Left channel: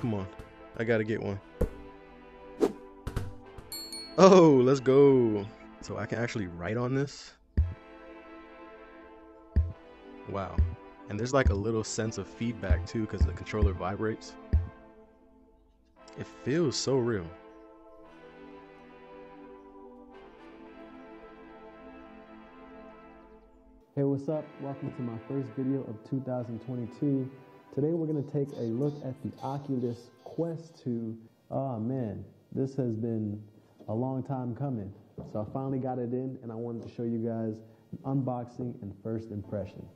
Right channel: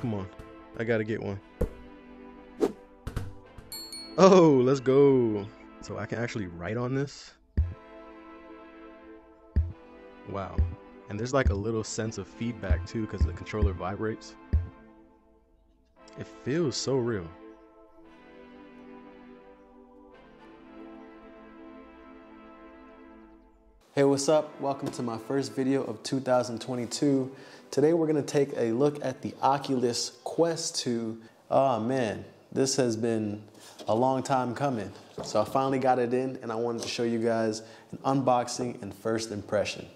Come on, I gotta get one. Oh, let's go. So I can actually write on this. Wow. And there's like a little sense of feedback too because the controller vibrates. It feels so real. Hey, what's up? Welcome to my first video of 2022. Today we're gonna take a look at the Oculus Quest 2. Oh man, this has been a long time coming. So I finally got it in and I wanted to show you guys an unboxing and first impression.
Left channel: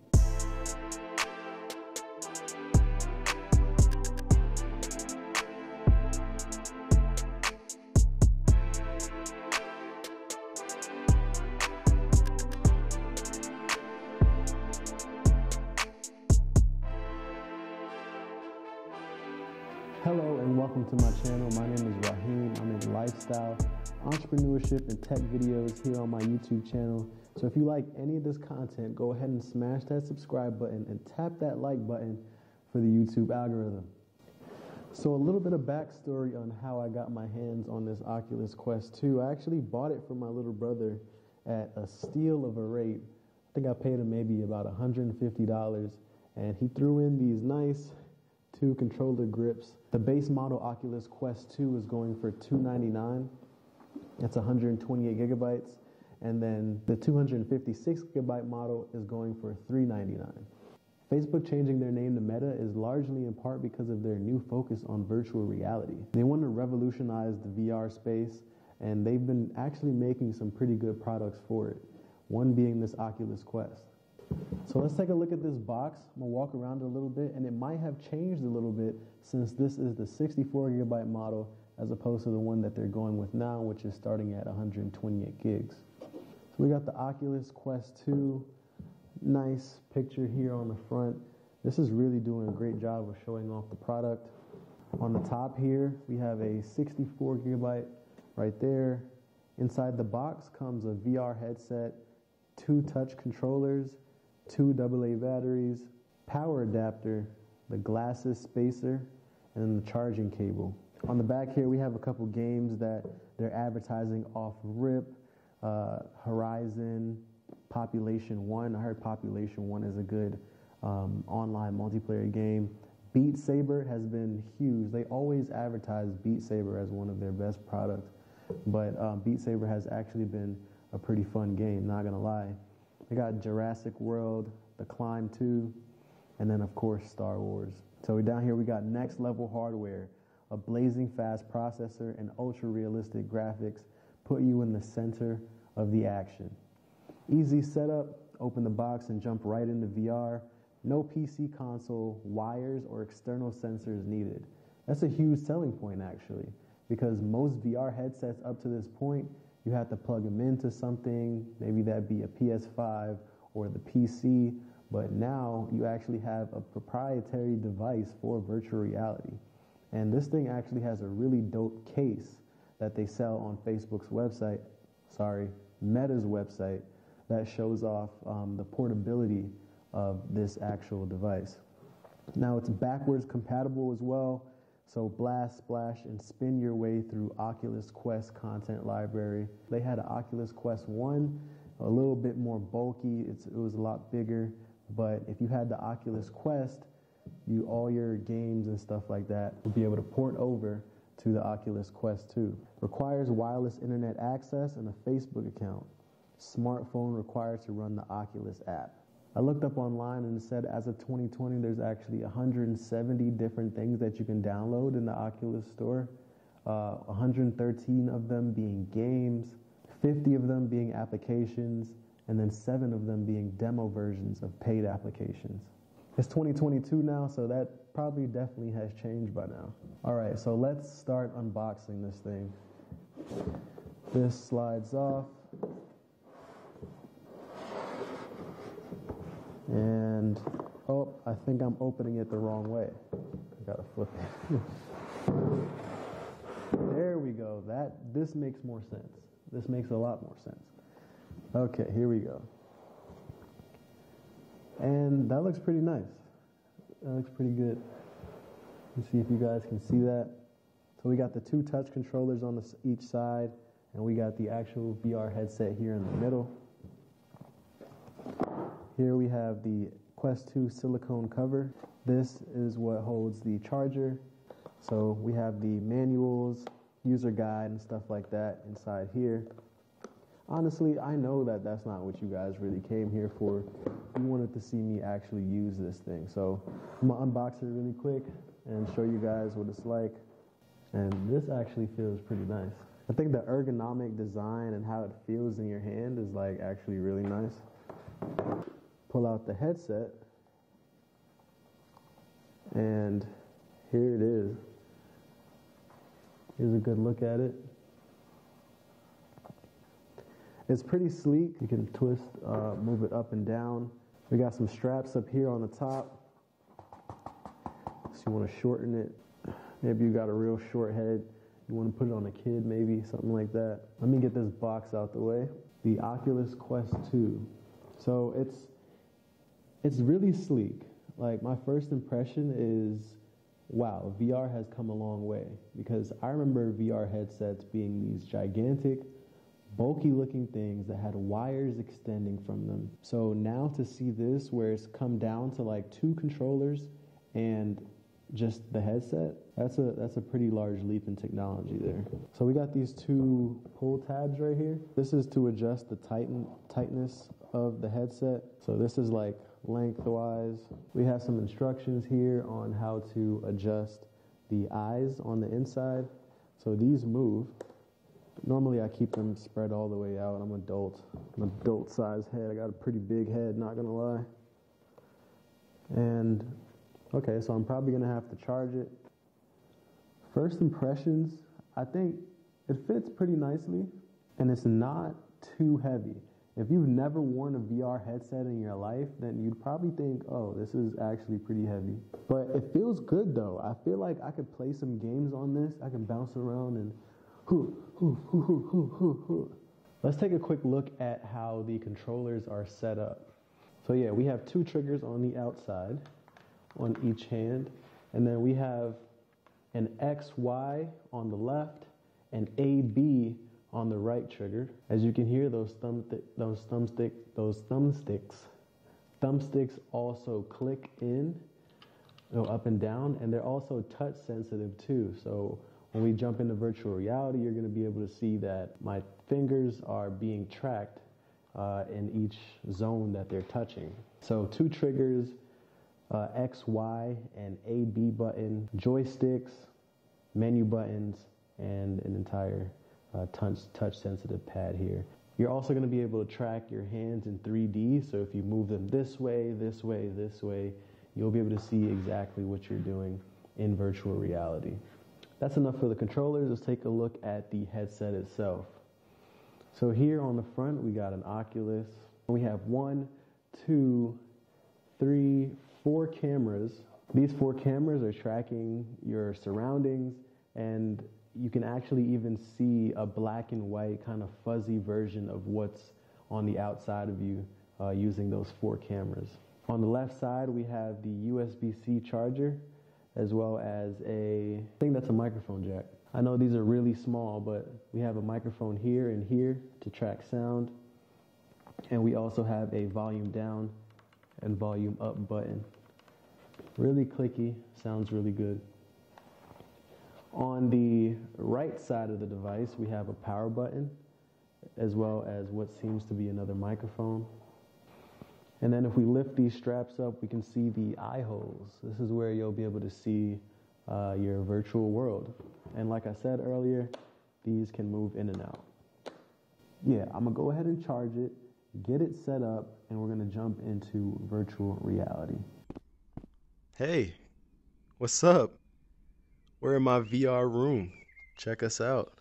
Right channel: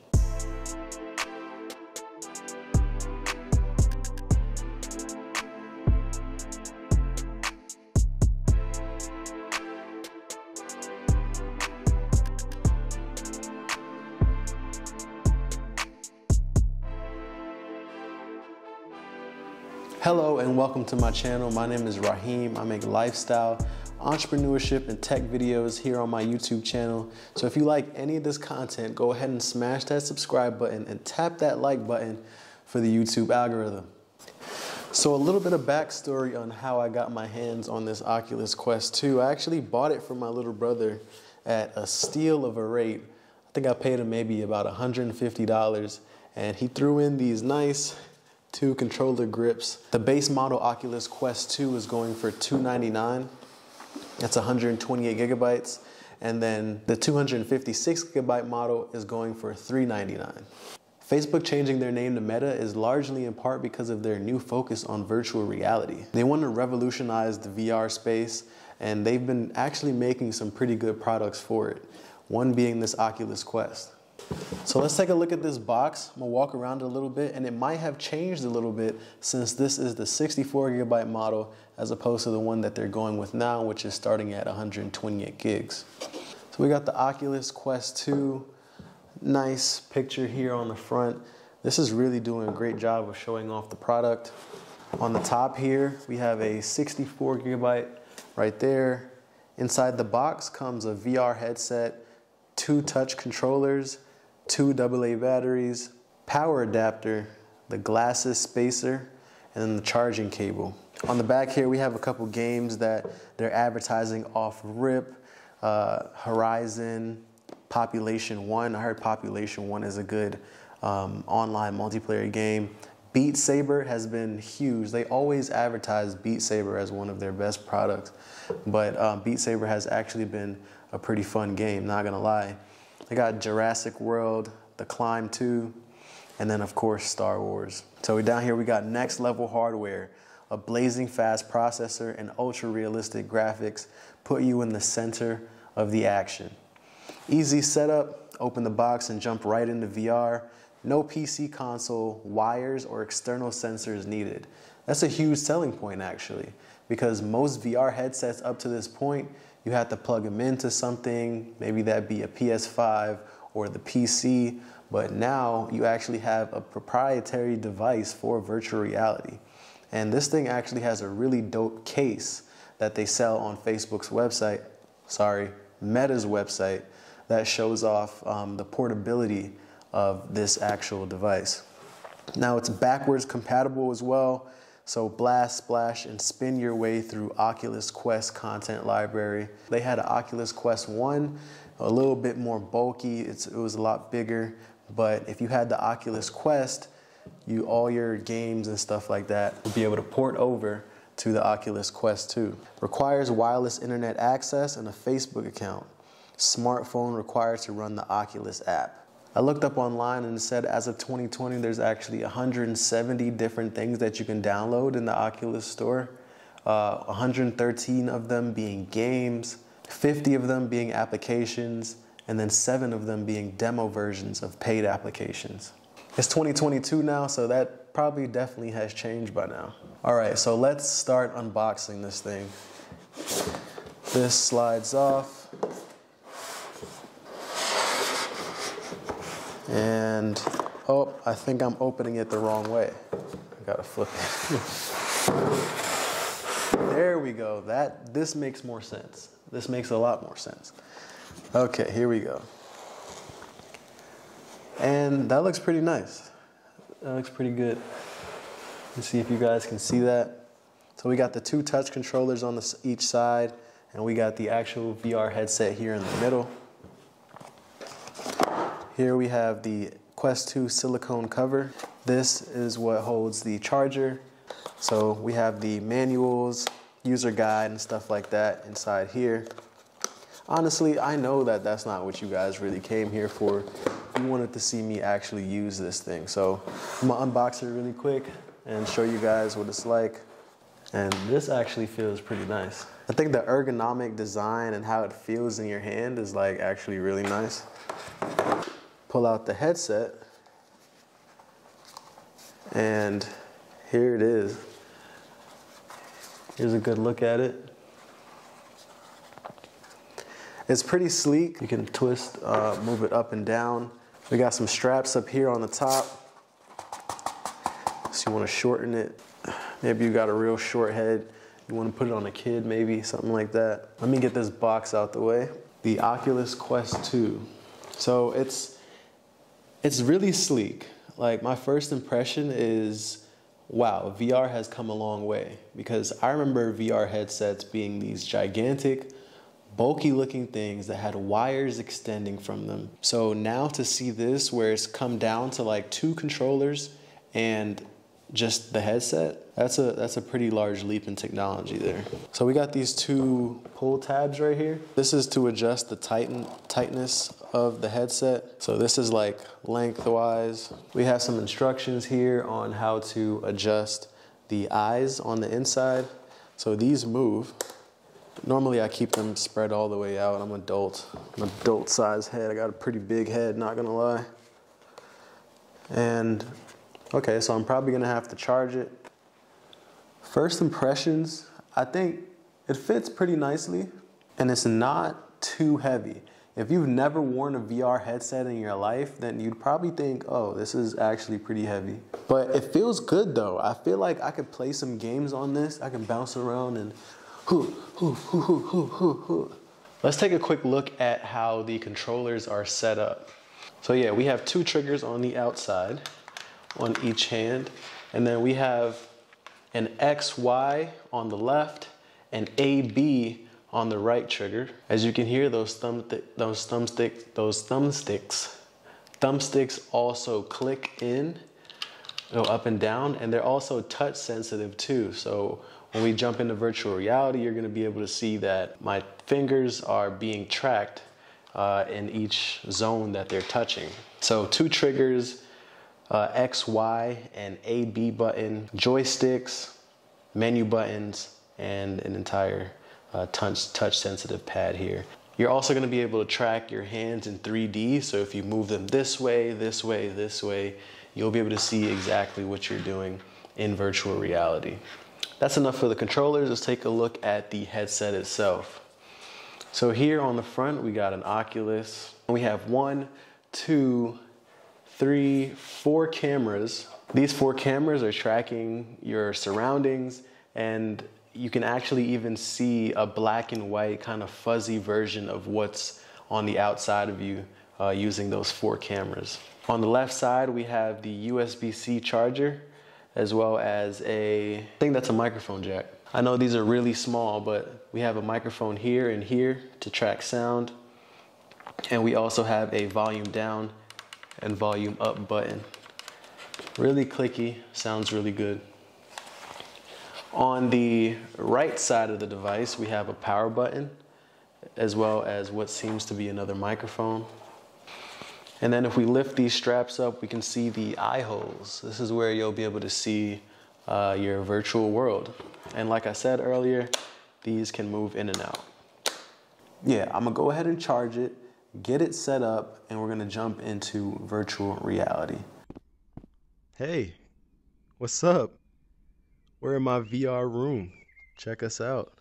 Hello and welcome to my channel. My name is Rahiem. I make lifestyle, entrepreneurship, and tech videos here on my YouTube channel. So if you like any of this content, go ahead and smash that subscribe button and tap that like button for the YouTube algorithm. So a little bit of backstory on how I got my hands on this Oculus Quest 2. I actually bought it from my little brother at a steal of a rate. I think I paid him maybe about $150, and he threw in these nice 2 controller grips. The base model Oculus Quest 2 is going for $299. That's 128 gigabytes. And then the 256 gigabyte model is going for $399. Facebook changing their name to Meta is largely in part because of their new focus on virtual reality. They want to revolutionize the VR space, and they've been actually making some pretty good products for it. One being this Oculus Quest. So let's take a look at this box. I'm gonna walk around it a little bit, and it might have changed a little bit since this is the 64 gigabyte model as opposed to the one that they're going with now, which is starting at 128 gigs. So we got the Oculus Quest 2, nice picture here on the front. This is really doing a great job of showing off the product. On the top here, we have a 64 gigabyte right there. Inside the box comes a VR headset, 2 touch controllers, 2 AA batteries, power adapter, the glasses spacer, and then the charging cable. On the back here, we have a couple games that they're advertising off rip. Horizon, Population 1. I heard Population 1 is a good online multiplayer game. Beat Saber has been huge. They always advertise Beat Saber as one of their best products, but Beat Saber has actually been a pretty fun game, not gonna lie. They got Jurassic World, The Climb 2, and then of course Star Wars. So down here we got next level hardware, a blazing fast processor and ultra realistic graphics put you in the center of the action. Easy setup, open the box and jump right into VR. No PC console, wires, or external sensors needed. That's a huge selling point actually, because most VR headsets up to this point, you have to plug them into something, maybe that be a PS5 or the PC, but now you actually have a proprietary device for virtual reality. And this thing actually has a really dope case that they sell on Facebook's website, Meta's website, that shows off the portability of this actual device. Now it's backwards compatible as well. So blast, splash, and spin your way through Oculus Quest content library. They had an Oculus Quest 1, a little bit more bulky. It was a lot bigger, but if you had the Oculus Quest, all your games and stuff like that would be able to port over to the Oculus Quest 2. Requires wireless internet access and a Facebook account. Smartphone required to run the Oculus app. I looked up online and it said as of 2020, there's actually 170 different things that you can download in the Oculus store. 113 of them being games, 50 of them being applications, and then 7 of them being demo versions of paid applications. It's 2022 now, so that probably definitely has changed by now. All right, so let's start unboxing this thing. This slides off. And, oh, I think I'm opening it the wrong way. I gotta flip it. There we go. This makes more sense. This makes a lot more sense. Okay, here we go. And that looks pretty nice. That looks pretty good. Let's see if you guys can see that. So we got the two touch controllers on each side, and we got the actual VR headset here in the middle. Here we have the Quest 2 silicone cover. This is what holds the charger. So we have the manuals, user guide, and stuff like that inside here. Honestly, I know that that's not what you guys really came here for. You wanted to see me actually use this thing. So I'm gonna unbox it really quick and show you guys what it's like. And this actually feels pretty nice. I think the ergonomic design and how it feels in your hand is like actually really nice. Pull out the headset, and here it is. Here's a good look at it. It's pretty sleek. You can twist, move it up and down. We got some straps up here on the top. So you want to shorten it. Maybe you got a real short head. You want to put it on a kid, maybe, something like that. Let me get this box out the way. The Oculus Quest 2. So it's really sleek. Like, my first impression is, wow, VR has come a long way. Because I remember VR headsets being these gigantic, bulky looking things that had wires extending from them. So now to see this where it's come down to like 2 controllers and just the headset, that's a pretty large leap in technology there. So we got these 2 pull tabs right here. This is to adjust the tightness of the headset. So this is like lengthwise. We have some instructions here on how to adjust the eyes on the inside. So these move. Normally I keep them spread all the way out. I'm an adult size head. I got a pretty big head, not gonna lie. And okay, so I'm probably gonna have to charge it. First impressions, I think it fits pretty nicely and it's not too heavy. If you've never worn a VR headset in your life, then you'd probably think, oh, this is actually pretty heavy. But it feels good though. I feel like I could play some games on this. I can bounce around and Let's take a quick look at how the controllers are set up. So yeah, we have 2 triggers on the outside, on each hand, and then we have an XY on the left and AB on the right trigger. As you can hear, those thumbsticks also click in, go up and down, and they're also touch sensitive too. So when we jump into virtual reality, you're gonna be able to see that my fingers are being tracked in each zone that they're touching. So 2 triggers, X, Y, and AB button, joysticks, menu buttons, and an entire touch sensitive pad here. You're also gonna be able to track your hands in 3D. So if you move them this way, this way, this way, you'll be able to see exactly what you're doing in virtual reality. That's enough for the controllers. Let's take a look at the headset itself. So here on the front, we got an Oculus. We have 1, 2, 3, 4 cameras. These 4 cameras are tracking your surroundings, and you can actually even see a black and white kind of fuzzy version of what's on the outside of you using those 4 cameras. On the left side, we have the USB-C charger, as well as I think that's a microphone jack. I know these are really small, but we have a microphone here and here to track sound. And we also have a volume down and volume up button. Really clicky, sounds really good. On the right side of the device, we have a power button, as well as what seems to be another microphone. And then if we lift these straps up, we can see the eye holes. This is where you'll be able to see your virtual world. And like I said earlier, these can move in and out. Yeah, I'm gonna go ahead and charge it, get it set up, and we're gonna jump into virtual reality. Hey, what's up? We're in my VR room. Check us out.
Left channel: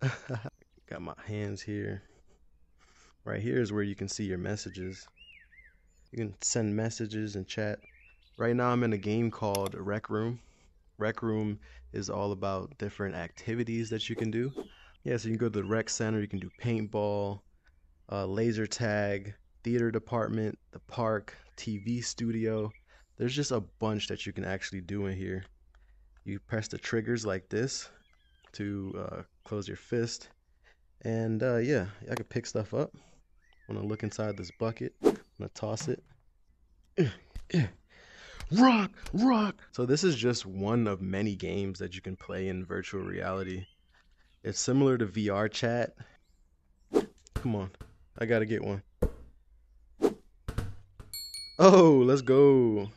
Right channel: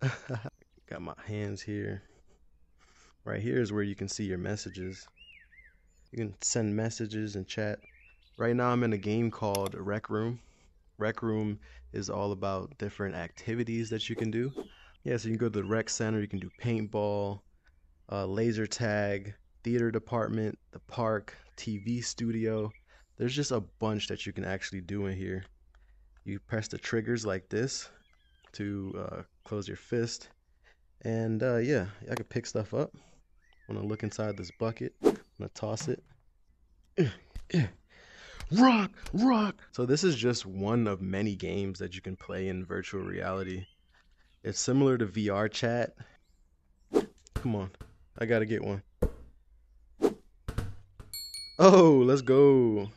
Got my hands here. Right here is where you can see your messages. You can send messages and chat. Right now I'm in a game called Rec Room. Rec Room is all about different activities that you can do. Yeah, so you can go to the rec center, you can do paintball, laser tag, theater department, the park, TV studio. There's just a bunch that you can actually do in here. You press the triggers like this to close your fist. And yeah, I can pick stuff up. I'm gonna look inside this bucket. I'm gonna toss it. Rock, rock. So this is just one of many games that you can play in virtual reality. It's similar to VR chat. Come on, I gotta get one. Oh, let's go.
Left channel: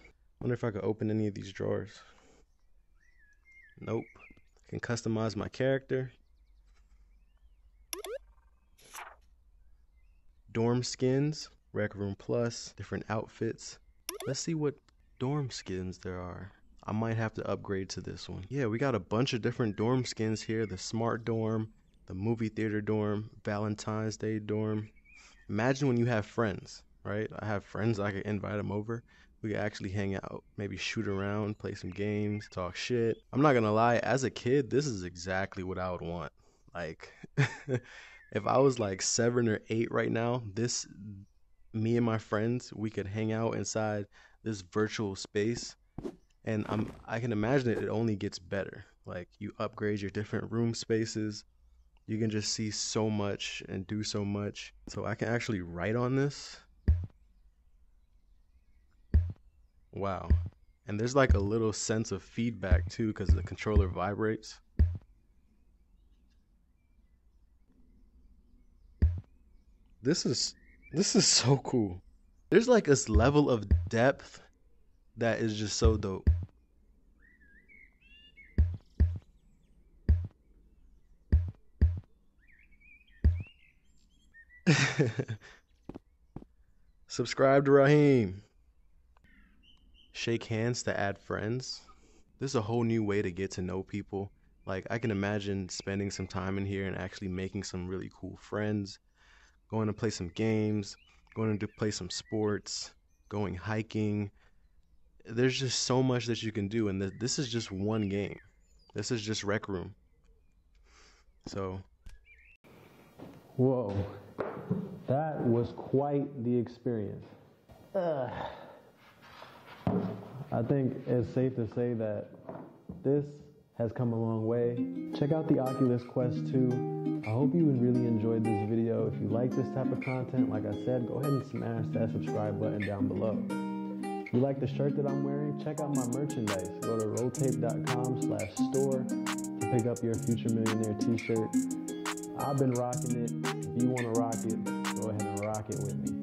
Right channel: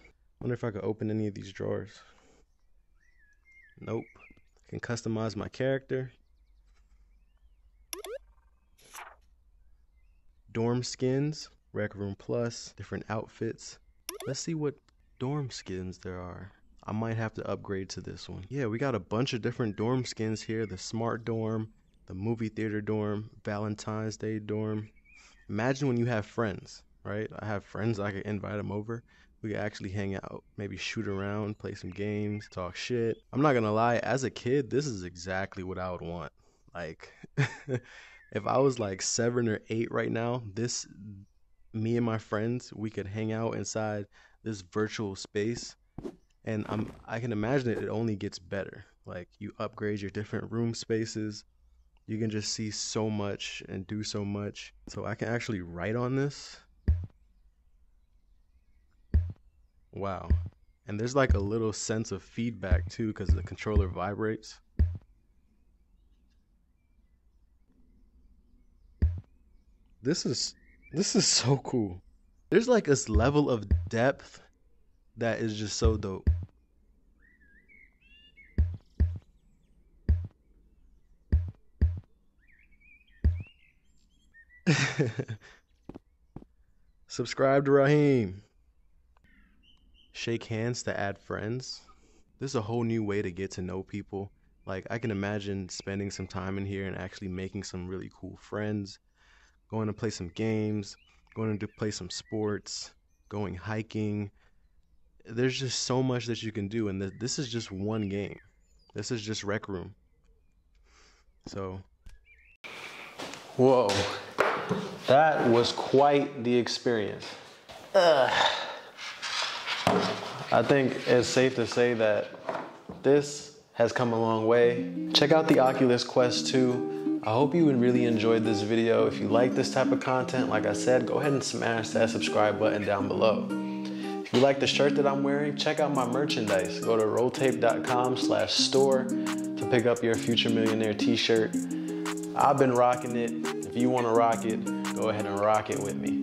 Wonder if I could open any of these drawers. Nope. I can customize my character. Dorm skins, Rec Room Plus, different outfits. Let's see what dorm skins there are. I might have to upgrade to this one. Yeah, we got a bunch of different dorm skins here. The smart dorm, the movie theater dorm, Valentine's Day dorm. Imagine when you have friends, right? I have friends, I could invite them over. We could actually hang out, maybe shoot around, play some games, talk shit. I'm not gonna lie, as a kid, this is exactly what I would want. Like, if I was like 7 or 8 right now, me and my friends, we could hang out inside this virtual space, and I can imagine it only gets better. Like, you upgrade your different room spaces, you can just see so much and do so much. So I can actually write on this. Wow. And there's like a little sense of feedback too, because the controller vibrates. This is so cool. There's like this level of depth that is just so dope. Subscribe to Rahiem. Shake hands to add friends. This is a whole new way to get to know people. Like, I can imagine spending some time in here and actually making some really cool friends, going to play some games, going to play some sports, going hiking. There's just so much that you can do, and this is just one game. This is just Rec Room. So, whoa, that was quite the experience. I think it's safe to say that this has come a long way. Check out the Oculus Quest 2. I hope you really enjoyed this video. If you like this type of content, like I said, go ahead and smash that subscribe button down below. If you like the shirt that I'm wearing, check out my merchandise. Go to rolltape.com/store to pick up your Future Millionaire t-shirt. I've been rocking it. If you want to rock it, go ahead and rock it with me.